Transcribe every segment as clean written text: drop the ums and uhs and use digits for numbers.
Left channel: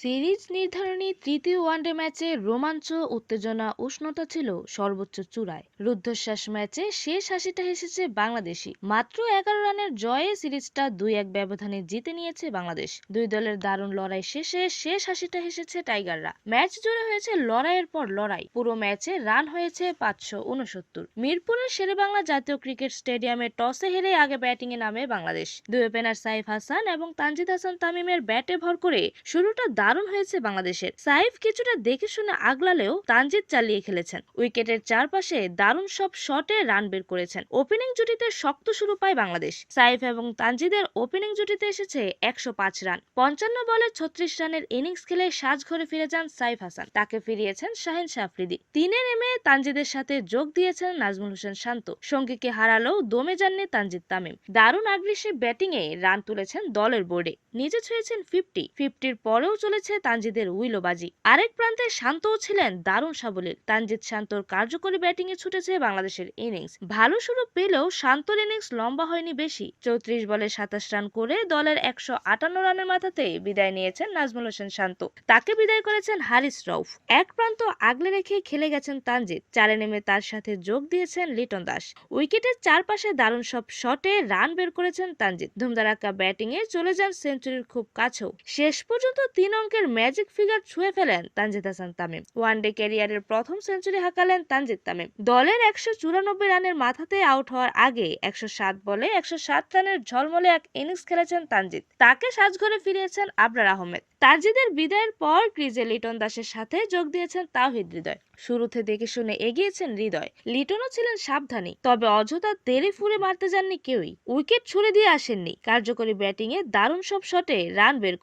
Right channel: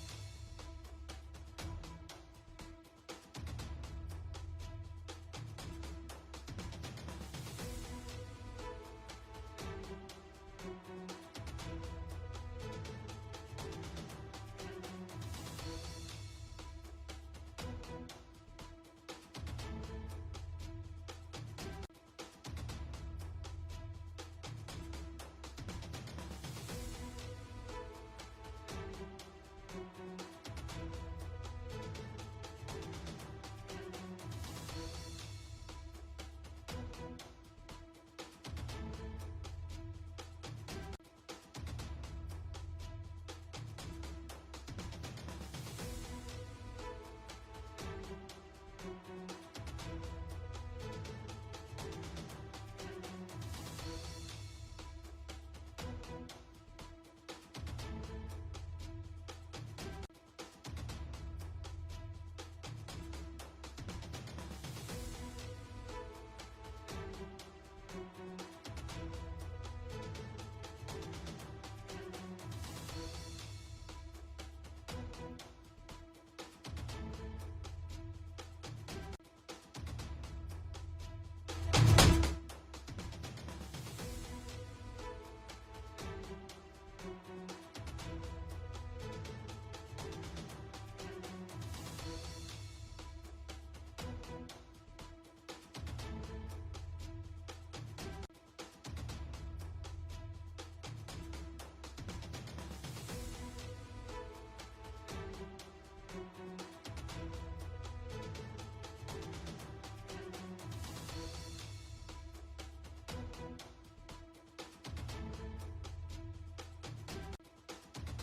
Series নির্ধারণী তৃতীয় one day ম্যাচে রোমাঞ্চ, উত্তেজনা, উষ্ণতা ছিল সর্বোচ্চ চূড়ায়। রুদ্ধশ্বাস ম্যাচে শেষ হাসিটা হেসেছে বাংলাদেশি। মাত্র 11 রানের জয়ে সিরিজটা 2-1 ব্যবধানে জিতে নিয়েছে বাংলাদেশ। দুই দলের দারুণ লড়াই শেষে শেষ হাসিটা হেসেছে টাইগাররা। ম্যাচ জুড়ে হয়েছে লড়াইয়ের পর লড়াই। পুরো ম্যাচে রান হয়েছে 569। মিরপুরের শেরেবাংলা জাতীয় ক্রিকেট স্টেডিয়ামে টসে হেরে আগে ব্যাটিংয়ে নামে বাংলাদেশ। দুই ওপেনার সাইফ হাসান এবং তানজিদ হাসান তামিমের ব্যাটে ভর করে শুরুটা দারুণ হয়েছে বাংলাদেশের। সাইফ কিছুটা দেখে শুনে আগলালেও তানজিদ চালিয়ে খেলেছেন। উইকেটের চারপাশে দারুণ সব শটে রান বের করেছেন। ওপেনিং জুটিতে শক্ত শুরু পায় বাংলাদেশ। সাইফ এবং তানজিদের ওপেনিং জুটিতে এসেছে 105 রান। 55 বলে 36 রানের ইনিংস খেলে সাজঘরে ফিরে যান সাইফ হাসান। তাকে ফিরিয়েছেন শাহিন শাহ আফ্রিদি। তিনে নেমে তানজিদের সাথে যোগ দিয়েছেন নাজমুল হোসেন শান্ত। সঙ্গীকে হারালেও দমে যাননি তানজিদ তামিম। দারুণ আগ্রাসী ব্যাটিংয়ে রান তুলেছেন দলের বোর্ডে। নিজে ছুঁয়েছেন 50-50 পরেও চলেছে তানজিদের উইলোবাজি। আরেক প্রান্তে শান্তও ছিলেন দারুণ সাবলীল। তানজিদ শান্তর কার্যকরী ব্যাটিং এ ছুটেছে বাংলাদেশের ইনিংস। ভালো শুরু পেলেও শান্তর ইনিংস লম্বা হয়নি বেশি। 34 বলে 27 রান করে দলের 158 রানের মাথাতে বিদায় নিয়েছেন নাজমুল হোসেন শান্ত। তাকে বিদায় করেছেন হারিস রউফ। এক প্রান্ত আগলে রেখে খেলে গেছেন তানজিদ। চারে নেমে তার সাথে যোগ দিয়েছেন লিটন দাস। উইকেটের চারপাশে দারুণ সব শটে রান বের করেছেন তানজিদ। ধুমধারাক্কা ব্যাটিং এ চলে যান সেঞ্চুরির খুব কাছেও। শেষ পর্যন্ত 3 অঙ্কের ম্যাজিক ফিগার ছুঁয়ে ফেলেন তানজিদ হাসান তামিম। ওয়ানডে ক্যারিয়ারের প্রথম সেঞ্চুরি হাঁকালেন তানজিদ তামিম। দলের 194 রানের মাথাতে আউট হওয়ার আগে 107 বলে 107 রানের ঝলমলে এক ইনিংস খেলেছেন তানজিদ। তাকে সাজঘরে ফিরিয়েছেন আবরার আহমেদ। তানজিদের বিদায়ের পর ক্রিজে লিটন দাসের সাথে যোগ দিয়েছেন তাওহিদ হৃদয়। শুরুতে দেখে শুনে এগিয়েছেন হৃদয়। লিটনও ছিলেন সাবধানী, তবে অযথা তেড়ে ফুঁড়ে মারতে যাননি কেউই। উইকেট ছুড়ে দিয়ে আসেননি। কার্যকরী ব্যাটিং এ দারুণ সব শটে রান বের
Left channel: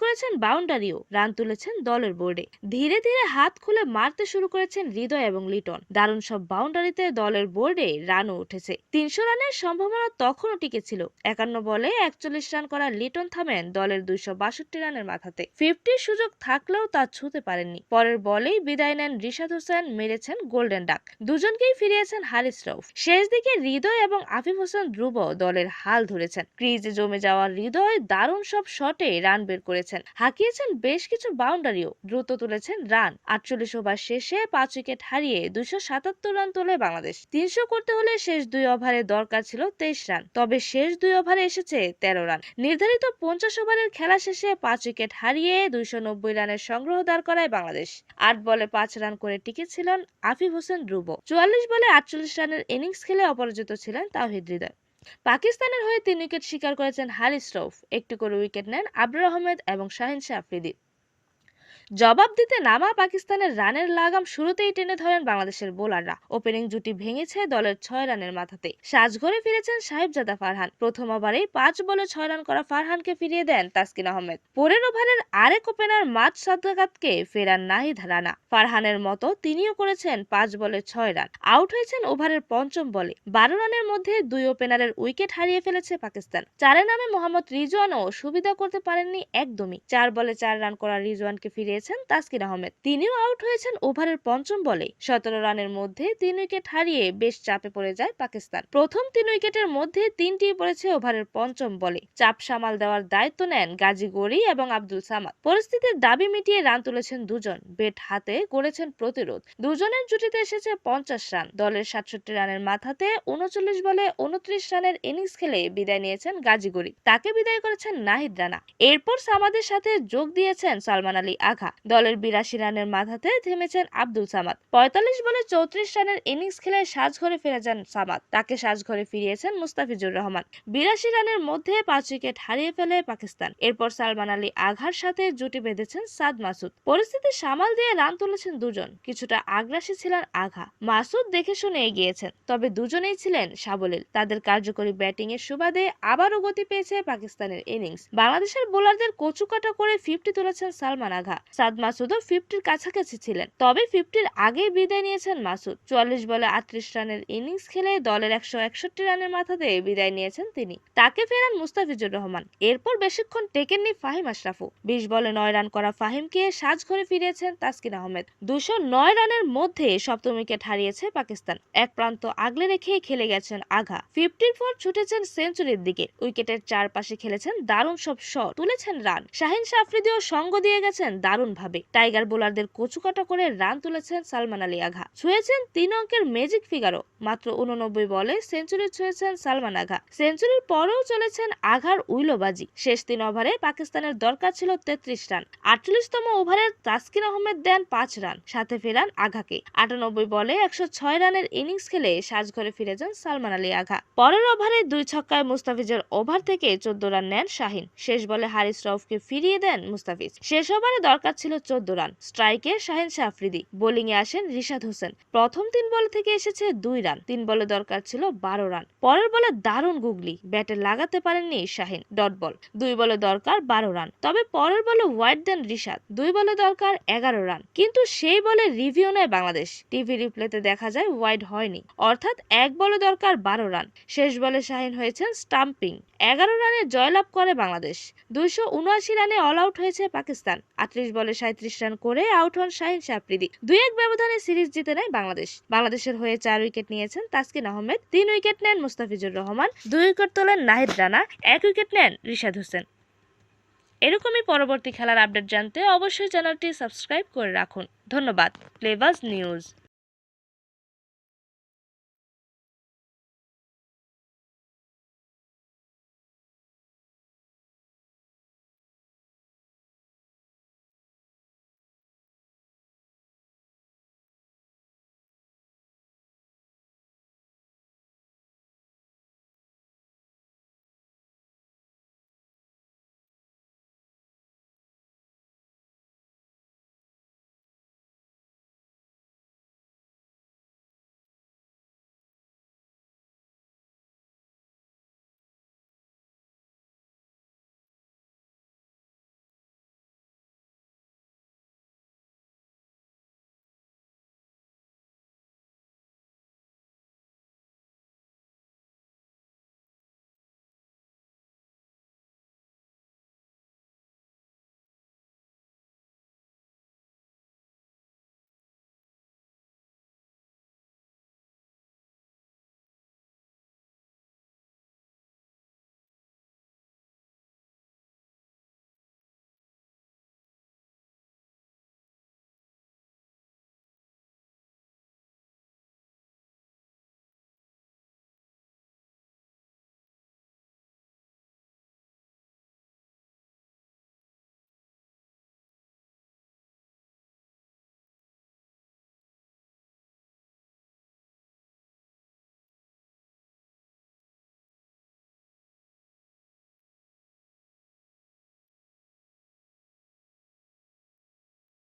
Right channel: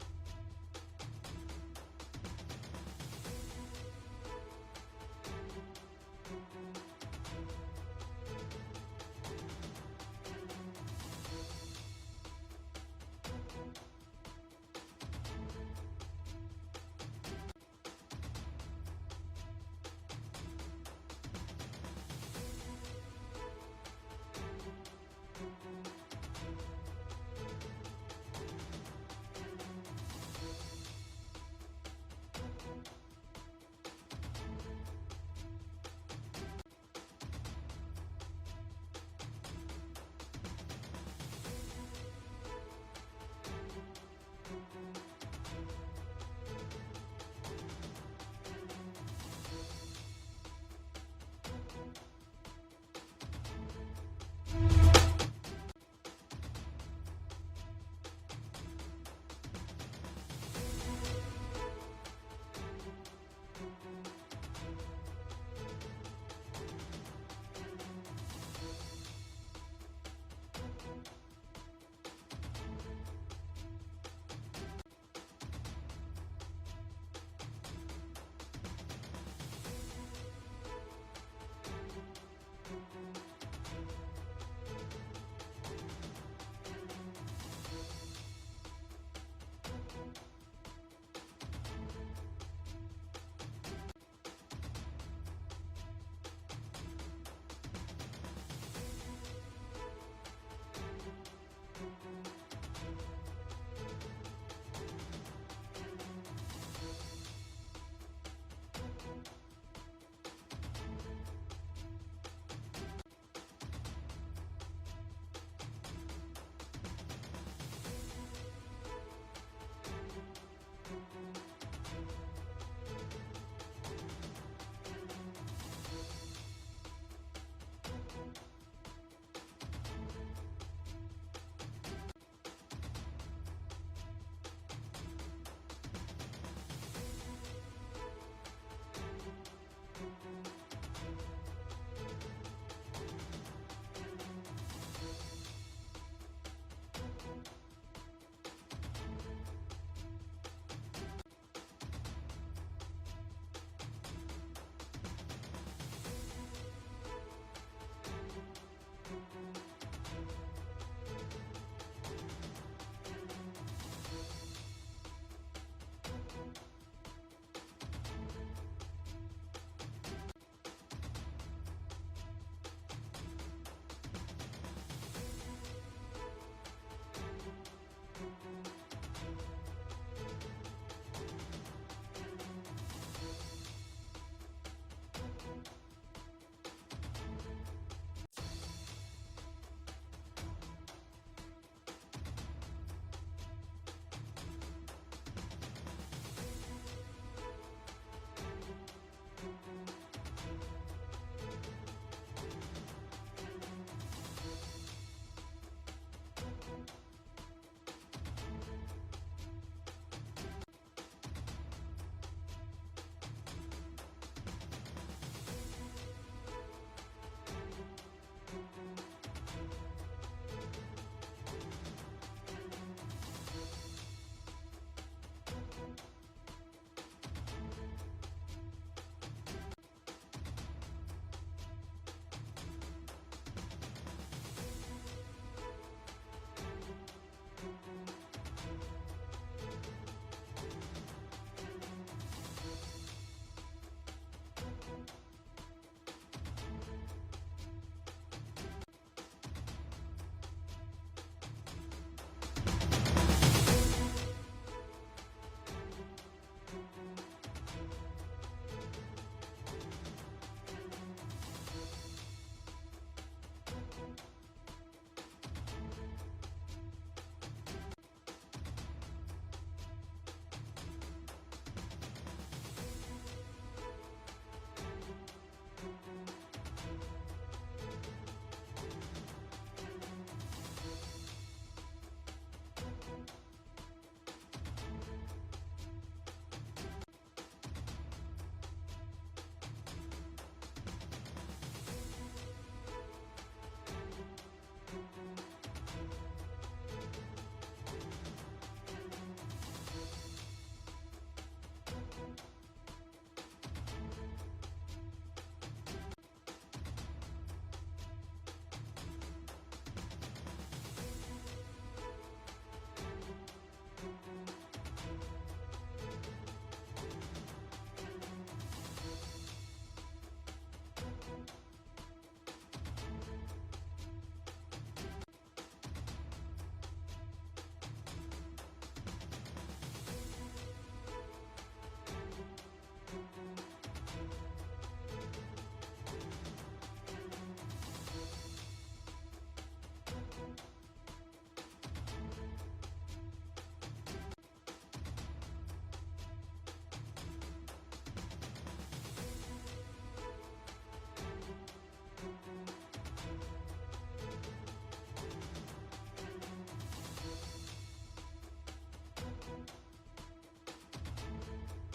করেছেন বাউন্ডারিও। রান তুলেছেন দলের বোর্ডে। ধীরে ধীরে হাত খুলে মারতে শুরু করেছেন হৃদয় এবং লিটন। দারুণ সব বাউন্ডারিতে দলের বোর্ডে রানও উঠেছে। 300 রানের সম্ভাবনা তখনও টিকে ছিল। 51 বলে 41 রান করা লিটন থামেন দলের 262 রানের মাথাতে। 50 সুযোগ থাকলেও তা ছুঁতে পারেননি। পরের বলেই বিদায় নেন রিশাদ হোসেন, মেরেছেন গোল্ডেন ডাক। দুজনকেই ফিরিয়েছেন হারিস রউফ। শেষ দিকে হৃদয় এবং আফিফ হোসেন ধ্রুব দলের হাল ধরেছেন। ক্রিজে জমে যাওয়া হৃদয় দারুণ সব শটে রান বের করেছেন। হাঁকিয়েছেন বেশ কিছু বাউন্ডারিও। দ্রুত তুলেছেন রান। 48 ওভার শেষে 5 উইকেট হারিয়ে 277 রান তোলে বাংলাদেশ। 300 করতে হলে শেষ 2 ওভারে দরকার ছিল 23 রান, তবে শেষ 2 ওভারে এসেছে 13 রান। নির্ধারিত 50 ওভারের খেলা শেষে 5 উইকেট হারিয়ে 290 রানের সংগ্রহ দাঁড় করায় বাংলাদেশ। 8 বলে 5 রান করে টিকেছিলেন আফিফ হোসেন ধ্রুব। 44 বলে 48 রানের ইনিংস খেলে অপরাজিত ছিলেন তাওহিদ হৃদয়। পাকিস্তানের হয়ে 3 উইকেট শিকার করেছেন হারিস রউফ। একটি করে উইকেট নেন আবরার আহমেদ এবং শাহিন শাহ আফ্রিদি। জবাব দিতে নামা পাকিস্তানের রানের লাগাম শুরুতেই টেনে ধরেন বাংলাদেশের বোলাররা। ওপেনিং জুটি ভেঙেছে দলের 6 রানের মাথাতে। সাজঘরে ফিরেছেন সাহিবজাদা ফারহান। প্রথম ওভারেই 5 বলে 6 রান করা ফারহানকে ফিরিয়ে দেন তাসকিন আহমেদ। পরের ওভারের আরেক ওপেনার মাজ সাদাকাতকে ফেরান নাহিদ রানা। ফারহানের মতো তিনিও করেছেন 5 বলে 6 রান। আউট হয়েছেন ওভারের পঞ্চম বলে। 12 রানের মধ্যে 2 ওপেনারের উইকেট হারিয়ে ফেলেছে পাকিস্তান। চারে নামে মোহাম্মদ রিজওয়ানও সুবিধা করতে পারেননি একদমই। 4 বলে 4 রান করা রিজওয়ানকে ফিরিয়ে তাসকিন আহমেদ। তিনিও আউট হয়েছেন ওভারের পঞ্চম বলে। 17 রানের মধ্যে 3 উইকেট হারিয়ে বেশ চাপে পড়ে যায় পাকিস্তান। প্রথম 3 উইকেটের মধ্যে 3টি পড়েছে ওভারের পঞ্চম বলে। চাপ সামাল দেওয়ার দায়িত্ব নেন গাজী গড়ি এবং আব্দুল সামাদ। পরিস্থিতির দাবি মিটিয়ে রান তুলেছেন দুজন। ব্যাট হাতে করেছেন প্রতিরোধ। দুজনের জুটিতে এসেছে 50 রান। দলের 67 রানের মাথাতে 39 বলে 29 রানের ইনিংস খেলে বিদায় নিয়েছেন গাজী গড়ি। তাকে বিদায় করেছেন নাহিদ রানা। এরপর সামাদের সাথে যোগ দিয়েছেন সালমান আলী আগা। দলের 82 রানের মাথাতে থেমেছেন আব্দুল সামাদ। 45 বলে 34 রানের ইনিংস খেলে সাজঘরে ফিরে যান সামাদ। তাকে সাজঘরে ফিরিয়েছেন মুস্তাফিজুর রহমান। 82 রানের মধ্যে 5 উইকেট হারিয়ে ফেলে পাকিস্তান। এরপর সালমান আলী আঘার সাথে জুটি বেঁধেছেন সাদ মাসুদ। পরিস্থিতি সামাল দিয়ে রান তুলেছেন দুজন। কিছুটা আগ্রাসী ছিলেন আঘা। মাসুদ দেখে শুনে এগিয়েছেন, তবে দুজনেই ছিলেন সাবলীল। তাদের কার্যকরী ব্যাটিং এর সুবাদে আবারও গতি পেয়েছে পাকিস্তানের ইনিংস। বাংলাদেশের বোলারদের কচুকাটা করে 50 তুলেছেন সালমান আগা। সাদ মাসুদও 50-র কাছাকাছি ছিলেন, তবে 50-র আগেই বিদায় নিয়েছেন মাসুদ। 44 বলে 38 রানের ইনিংস খেলে দলের 161 রানের মাথাতে বিদায় নিয়েছেন তিনি। তাকে ফেরান মুস্তাফিজুর রহমান। এরপর বেশিক্ষণ টেকেননি ফাহিম আশরাফও। 20 বলে 9 রান করা ফাহিমকে সাজঘরে ফিরিয়েছেন তাসকিন আহমেদ। 209 রানের মধ্যে সপ্তম উইকেট হারিয়েছে পাকিস্তান। এক প্রান্ত আগলে রেখে খেলে গেছেন আঘা। 50-র পর ছুটেছেন সেঞ্চুরির দিকে। উইকেটের চারপাশে খেলেছেন দারুণ সব শট, তুলেছেন রান। শাহিন আফ্রিদিও সঙ্গ দিয়ে গেছেন দারুণ ভাবে। টাইগার বোলারদের কচুকাটা করে রান তুলেছেন সালমান আলী আঘা। ছুঁয়েছেন 3 অঙ্কের ম্যাজিক ফিগারও। মাত্র 89 বলে সেঞ্চুরি ছুঁয়েছেন সালমান আঘা। সেঞ্চুরির পরেও চলেছেন আঘার উইলোবাজি। শেষ 3 ওভারে পাকিস্তানের দরকার ছিল 33 রান। 48তম ওভারে তাসকিন আহমেদ দেন 5 রান, সাথে ফেরান আঘাকে। 98 বলে 106 রানের ইনিংস খেলে সাজঘরে ফিরে যান সালমান আলী আঘা। পরের ওভারে 2 ছক্কায় মুস্তাফিজের ওভার থেকে 14 রান নেন শাহিন। শেষ বলে হারিস রউফকে ফিরিয়ে দেন মুস্তাফিজ। শেষ ওভারে দরকার ছিল 14 রান। স্ট্রাইকে শাহিন আফ্রিদি, বোলিং এ আসেন রিশাদ হোসেন। প্রথম 3 বল থেকে এসেছে 2 রান। 3 বলে দরকার ছিল 12 রান। পরের বলে দারুণ গুগলি, ব্যাটে লাগাতে পারেননি শাহিন, ডট বল। 2 বলে দরকার 12 রান, তবে পরের বলে ওয়াইড দেন রিশাদ। 2 বলে দরকার 11 রান, কিন্তু সেই বলে রিভিউ নেয় বাংলাদেশ। টিভি রিপ্লেতে দেখা যায় ওয়াইড হয়নি, অর্থাৎ 1 বলে দরকার 12 রান। শেষ বলে শাহিন হয়েছেন স্টাম্পিং। 11 রানে জয়লাভ করে বাংলাদেশ। 279 রানে অল আউট হয়েছে পাকিস্তান। 38 বলে 37 রান করে আউট হন শাহিন আফ্রিদি। 2-1 ব্যবধানে সিরিজ জিতে নেয় বাংলাদেশ। বাংলাদেশের হয়ে 4 উইকেট নিয়েছেন তাসকিন আহমেদ, 3 উইকেট নেন মুস্তাফিজুর রহমান, 2 উইকেট তোলেন নাহিদ রানা, 1 উইকেট নেন রিশাদ হোসেন। এরকমই পরবর্তী খেলার আপডেট জানতে অবশ্যই চ্যানেলটি সাবস্ক্রাইব করে রাখুন। ধন্যবাদ। প্লেবাজ নিউজ।